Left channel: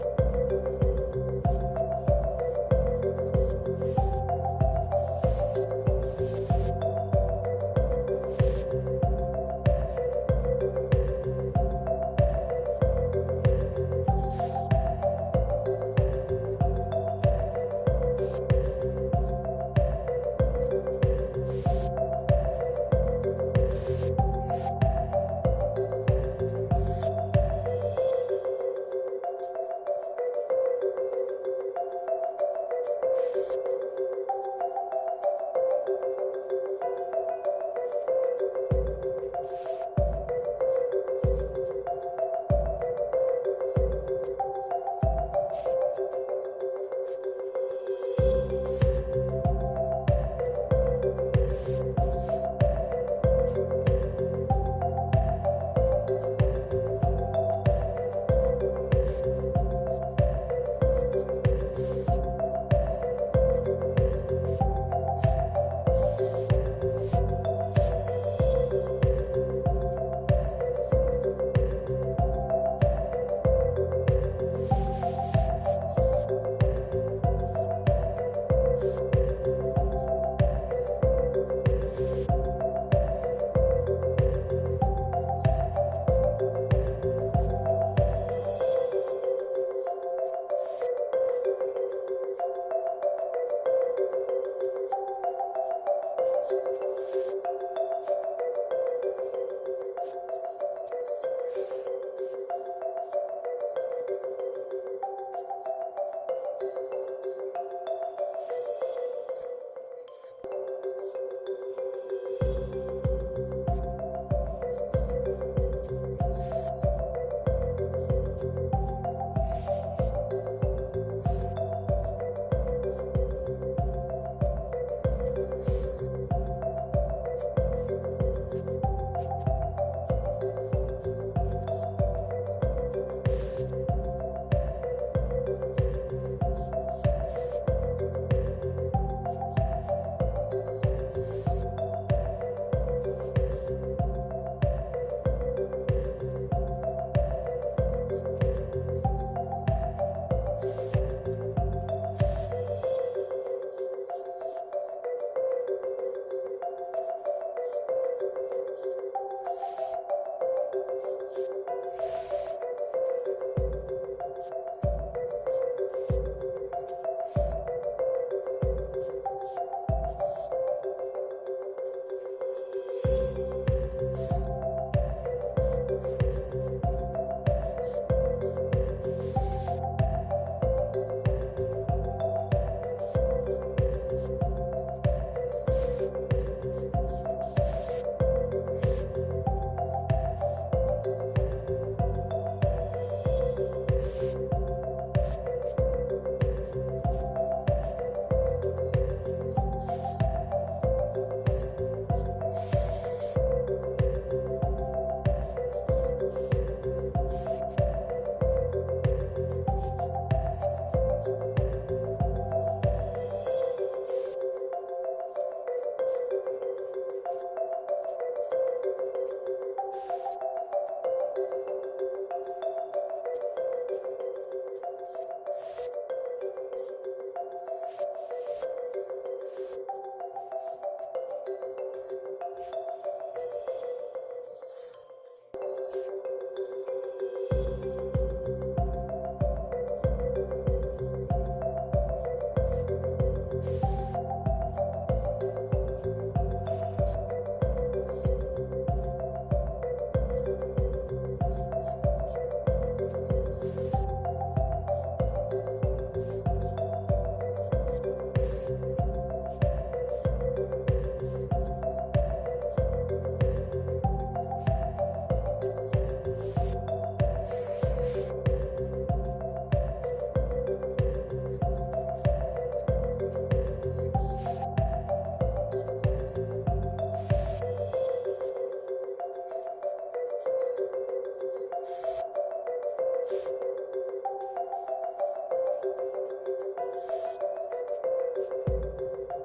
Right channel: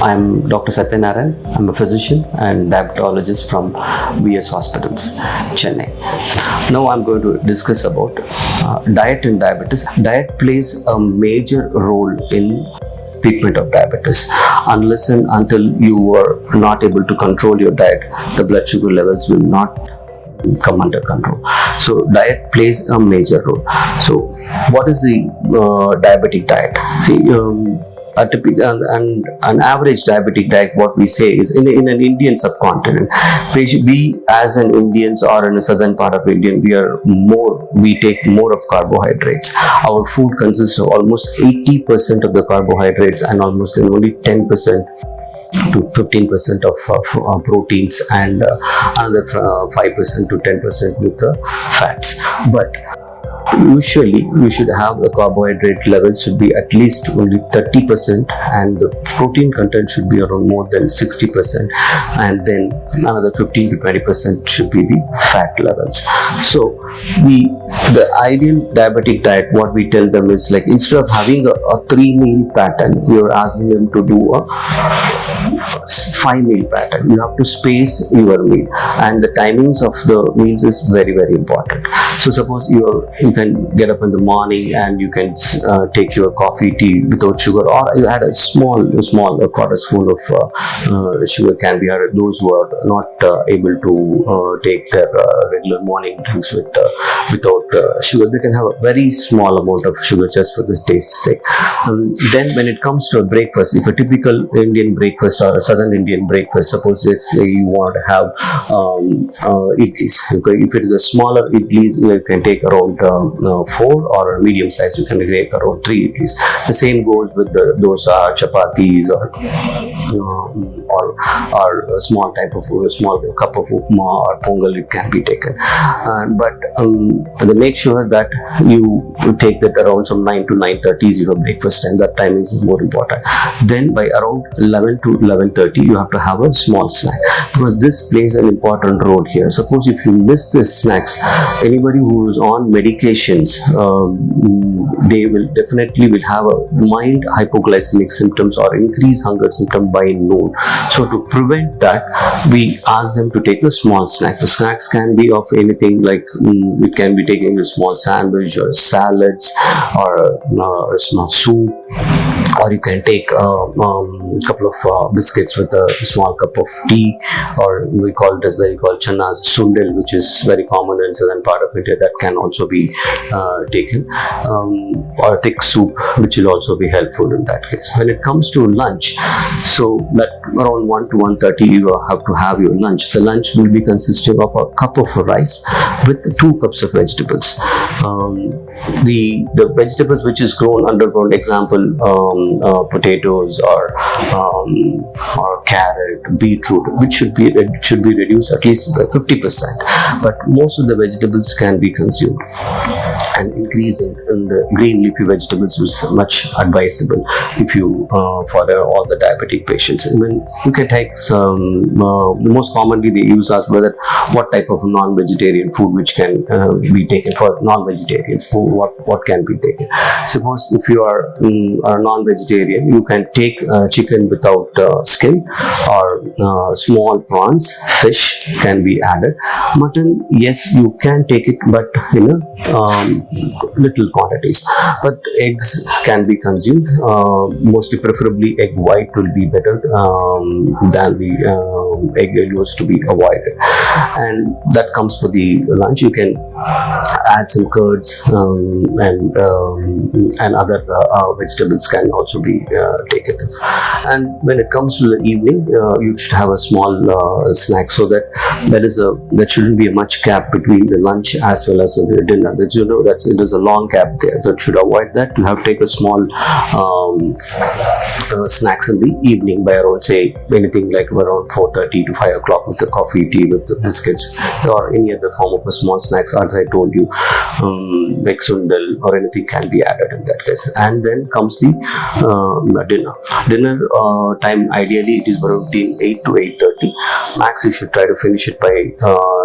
I'm Dr. Sathyanarayanan. I'm a physician and diabetologist from VS Hospitals, Chennai. Now I'm going to discuss about diet and diabetes. Diet plays a major role in treatment of diabetes. Unless and until you are not able to control your diet, the blood sugar levels will not come under control. So diet plays a major role. So what is the diabetic diet? See, a typical and an average diabetic diet, what we say is in an Indian subcontinent, we as an Indians or in a southern part of India, we take more of carbohydrates. Our food consists of almost 80% of the carbohydrates and almost only 10% to 15% of proteins and another 5% to 10% with the fats. But usually we should have the carbohydrate levels should be at least only 30% and the protein content should be around more than 60%, and then another 15 to 20% should be the fat levels. So the ideal diabetic diet, what we tell them is, like, instead of having a 3-meal pattern, we are asking them to do a 5-meal pattern. You have to space your meal, and the timings of the meals is very, very important. So suppose you can get up in the morning and you can take your coffee, tea without sugar, or you had a small quarter spoon of sugar can be added. Those who are not able to take their regular morning drinks without sugar, they can have a very small amount of sugar just for this taste's sake. Then when it comes to a breakfast, if a typical Indian breakfast or a southern Indian breakfast, suppose let's say you want to have idlis. Okay, if it is a smaller idlis, you can take around 4, or a medium size you can take around 3 idlis. The same goes with those chapatis or a small type of food, a small cup of upma or pongal, it can be taken. But make sure that you take that around some 9 to 9:30 is your breakfast, and that timing is more important. Then by around 11 to 11:30 you have to have a small snack, because this plays an important role here. Suppose if you miss this snacks, anybody who is on medications, they will definitely have a mild hypoglycemic symptoms or increased hunger symptom by noon. So to prevent that, we ask them to take a small snack. The snacks can be of anything, like it can be taking a small sandwich or salads or a small soup, or you can take a couple of biscuits with a small cup of tea, or we call it as very called channas sundel, which is very common in southern part of India. That can also be taken, or thick soup, which will also be helpful in that case. When it comes to lunch, so that around 1 to 1:30 you have to have your lunch. The lunch will be consisting of a cup of rice with 2 cups of vegetables. The vegetables which is grown underground, example potatoes or carrot, beetroot, which should be reduced at least by 50%. But most of the vegetables can be consumed, and increasing in the green leafy vegetables is much advisable if you for all the diabetic patients. And then you can take some most commonly they use as whether what type of non-vegetarian food which can be taken for non-vegetarians. What can be taken? Suppose if you are a non-vegetarian, you can take chicken without skin, or small prawns, fish can be added. Mutton, yes, you can take it, but in little quantities. But eggs can be consumed, mostly preferably egg white will be better than the egg yolks to be avoided. And that comes for the lunch. You can add some curds and other vegetables can also be taken. And when it comes to the evening, you should have a small snack, so that there shouldn't be a much gap between the lunch as well as the dinner. That that there's a long gap there. That should avoid that. You have to take a small snacks in the evening by around, say, anything like around 4:30 to 5 o'clock with the coffee, tea, with the biscuits, or any other form of a small snacks. As I told you, like sundal or anything can be added in that case. And then comes the dinner time. Ideally it is around 8 to 8:30. Max you should try to finish it by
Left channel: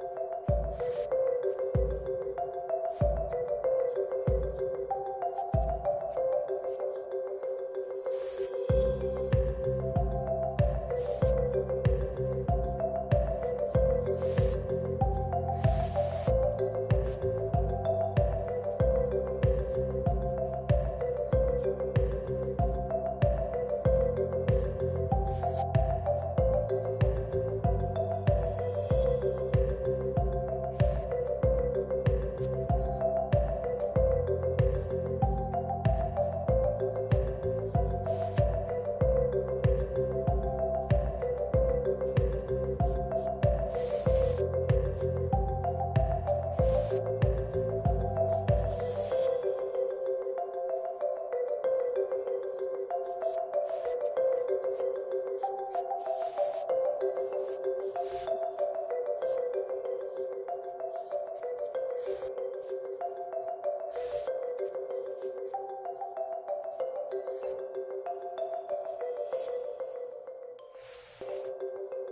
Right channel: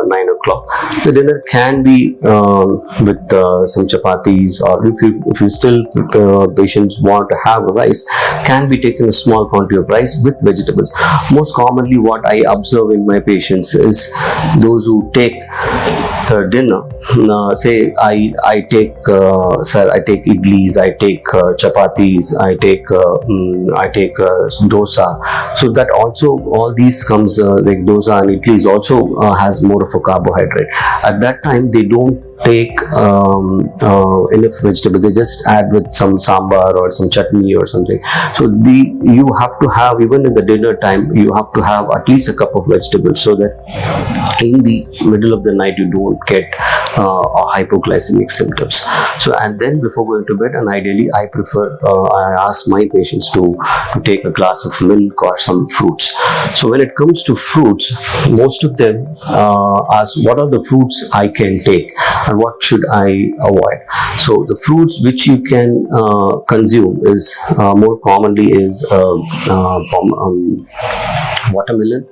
9 o'clock o'clock. The dinner can be with some chapatis, or if you still patients want to have rice, can be taken a small quantity of rice with vegetables. Most commonly what I observe in my patients is those who take the dinner, say I take I take idlis, I take chapatis, I take dosa. So that also, all these comes like dosa and idlis also has more of a carbohydrate. At that time they don't take enough vegetable, they just add with some sambar or some chutney or something. So you have to have, even in the dinner time, you have to have at least a cup of vegetables, so that in the middle of the night you don't get hypoglycemic symptoms. So, and then before going to bed, and ideally I prefer, I ask my patients to take a glass of milk or some fruits. So when it comes to fruits, most of them ask what are the fruits I can take and what should I avoid. So the fruits which you can consume is more commonly is watermelon,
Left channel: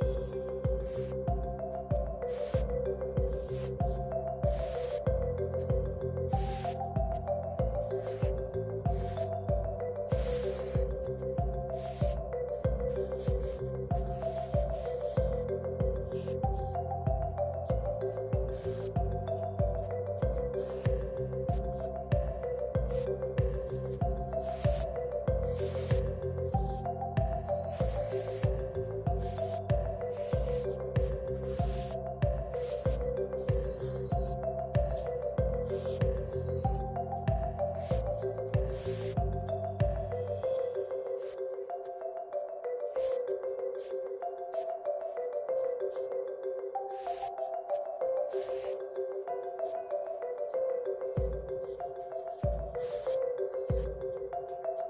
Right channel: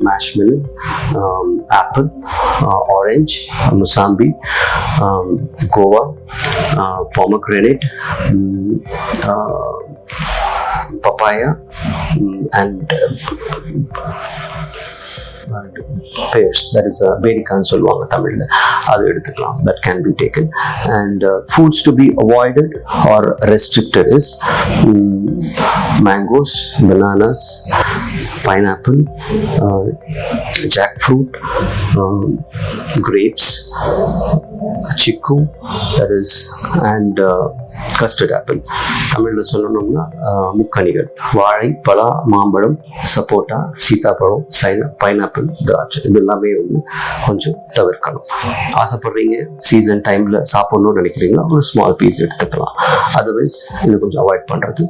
marshmallow, apple, orange, musambi, guava, pomegranate, papaya, and pears, that is berryக்கான்னு சொல்லுவாங்க தமிழ்ல, அது எடுத்துக்கலாம், that can be taken. And foods to be avoided or restricted is mangoes, bananas, pineapple, jackfruit, grapes, chiku, that is, and custard apple. தமிழ்ல சொல்லணும்னா முக்கணிகள், வாழை, பலா, மாம்பழம், சப்போட்டா, சீதாப்பழம், பைனாப்பிள், திராட்சை, இது எல்லாமே வந்து கொஞ்சம் தவிர்க்கணும். ஆசைப்படுறீங்க, சீசன் டைம்ல சாப்பிடணும்னு நினைக்கிறீங்களா, ஒரு ஸ்மால் பீஸ் எடுத்துக்கலாம். அதர்வைஸ் இது கொஞ்சம் அவாய்ட் பண்றது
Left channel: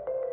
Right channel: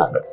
நல்லது.